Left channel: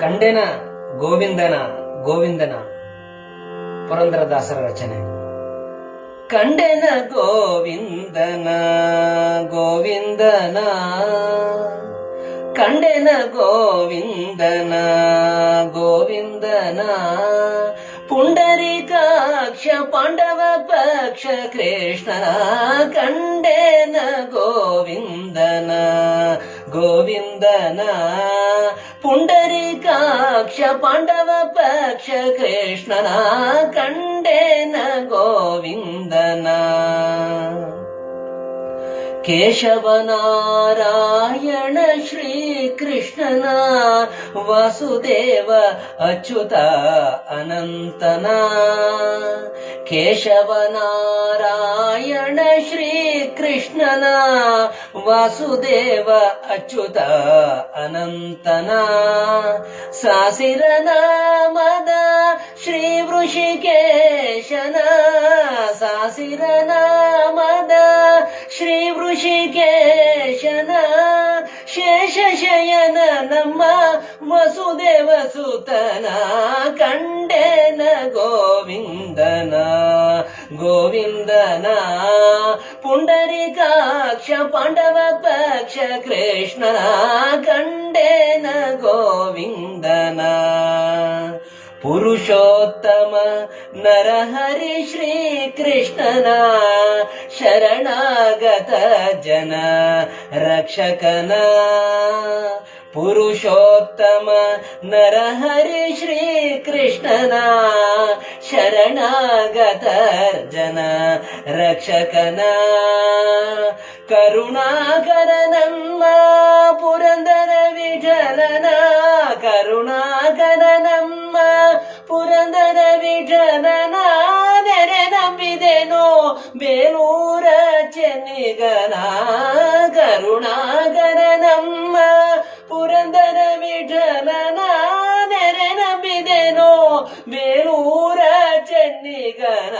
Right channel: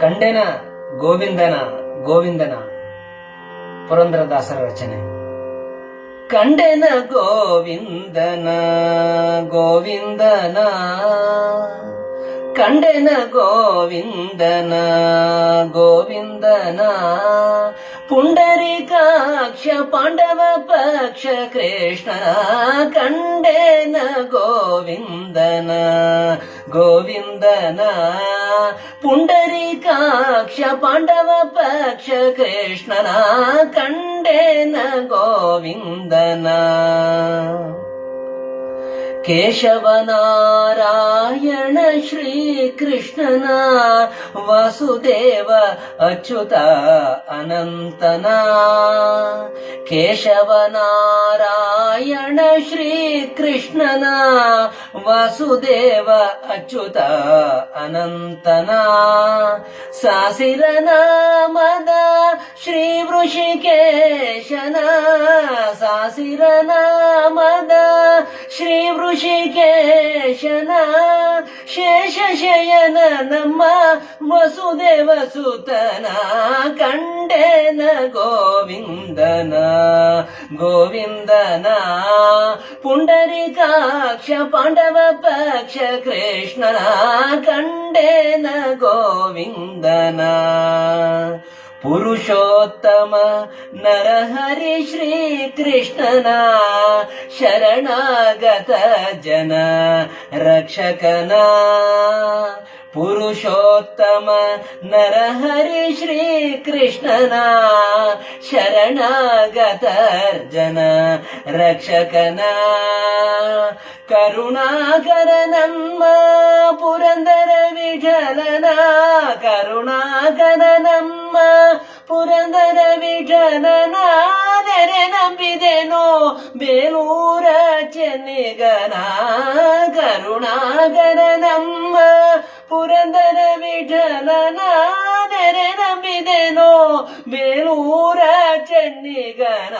ಕಂಡೆನ ಗೋವಿಂದನ ಗೋವಿಂದನ ಪುರಂದರದಾಸರ ರಚನೆ ಕಂಡೆನ ಗೋವಿಂದನ ಗೋವಿಂದನ ಕಂಡೆನ ಗೋವಿಂದನ ಗೋವಿಂದನ ಪುಂಡರೀಕಾಕ್ಷ ಪಾಂಡವ ಪಕ್ಷ ಕೃಷ್ಣ ಕಂಡೆನ ಗೋವಿಂದನ ಗೋವಿಂದನ ಪುಂಡರೀಕಾಕ್ಷ ಪಾಂಡವ ಪಕ್ಷ ಕೃಷ್ಣನ ಕಂಡೇನ ಗೋವಿಂದನ ಕೇಶವನಾರಾಯಣ ಶ್ರೀಕೃಷ್ಣನ ವಾಸುದೇವ ಅಚ್ಯುತ ಅನಂತನ. ಕೇಶವನಾರಾಯಣ ಶ್ರೀಕೃಷ್ಣನ ವಾಸುದೇವ ಅಚ್ಯುತ ಅನಂತನ. ಸಾಸಿರನಾಮದ ಶ್ರೀ ವೃಷಿಕೇಶನ ಸಾಸಿರನ ಶ್ರೀ ವೃಷಿಕೇಶನ ಶೇಷ ಶಯನ ನಮ್ಮ ವಸುದೇವ ಸುತನ ಕಂಡೇನ ಗೋವಿಂದನ ಗೋವಿಂದನ ಪುಂಡರೀಕಾಕ್ಷ ಪಾಂಡವ ಪಕ್ಷ ಕೃಷ್ಣನ ಕಂಡೇನ ಗೋವಿಂದನ पुरुषोत्तम नरहरि श्रीकृष्णना शरणागत जन रक्षकना। पुरुषोत्तम नरहरि श्रीकृष्णना शरणागतर्जन रक्षकना। करुणाकरनन्मा पुरन्दर विठलना ಪುರಂದರ ವಿಠಲನ ಕರುಣಾಕರ ನಮ್ಮ ಪುರಂದರ ವಿಠಲನ ನೆರೆ ನಂಬಿದೆನೋ ಬೇಲೂರ ಚೆನ್ನಿಗನ ಕರುಣಾಕರ ನಮ್ಮ ಪುರಂದರ ವಿಠಲನ ಬೇಲೂರ ಚೆನ್ನಿಗನ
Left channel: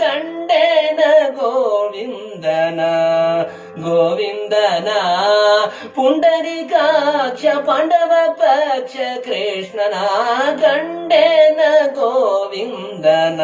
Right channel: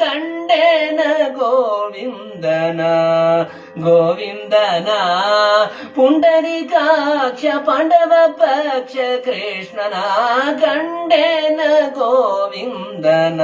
ಕಂಡೇನ ಗೋವಿಂದನ ಗೋವಿಂದನ ಪುಂಡರೀಕಾಕ್ಷ ಪಾಂಡವ ಪಕ್ಷ ಕೃಷ್ಣನ ಕಂಡೇನ ಗೋವಿಂದನ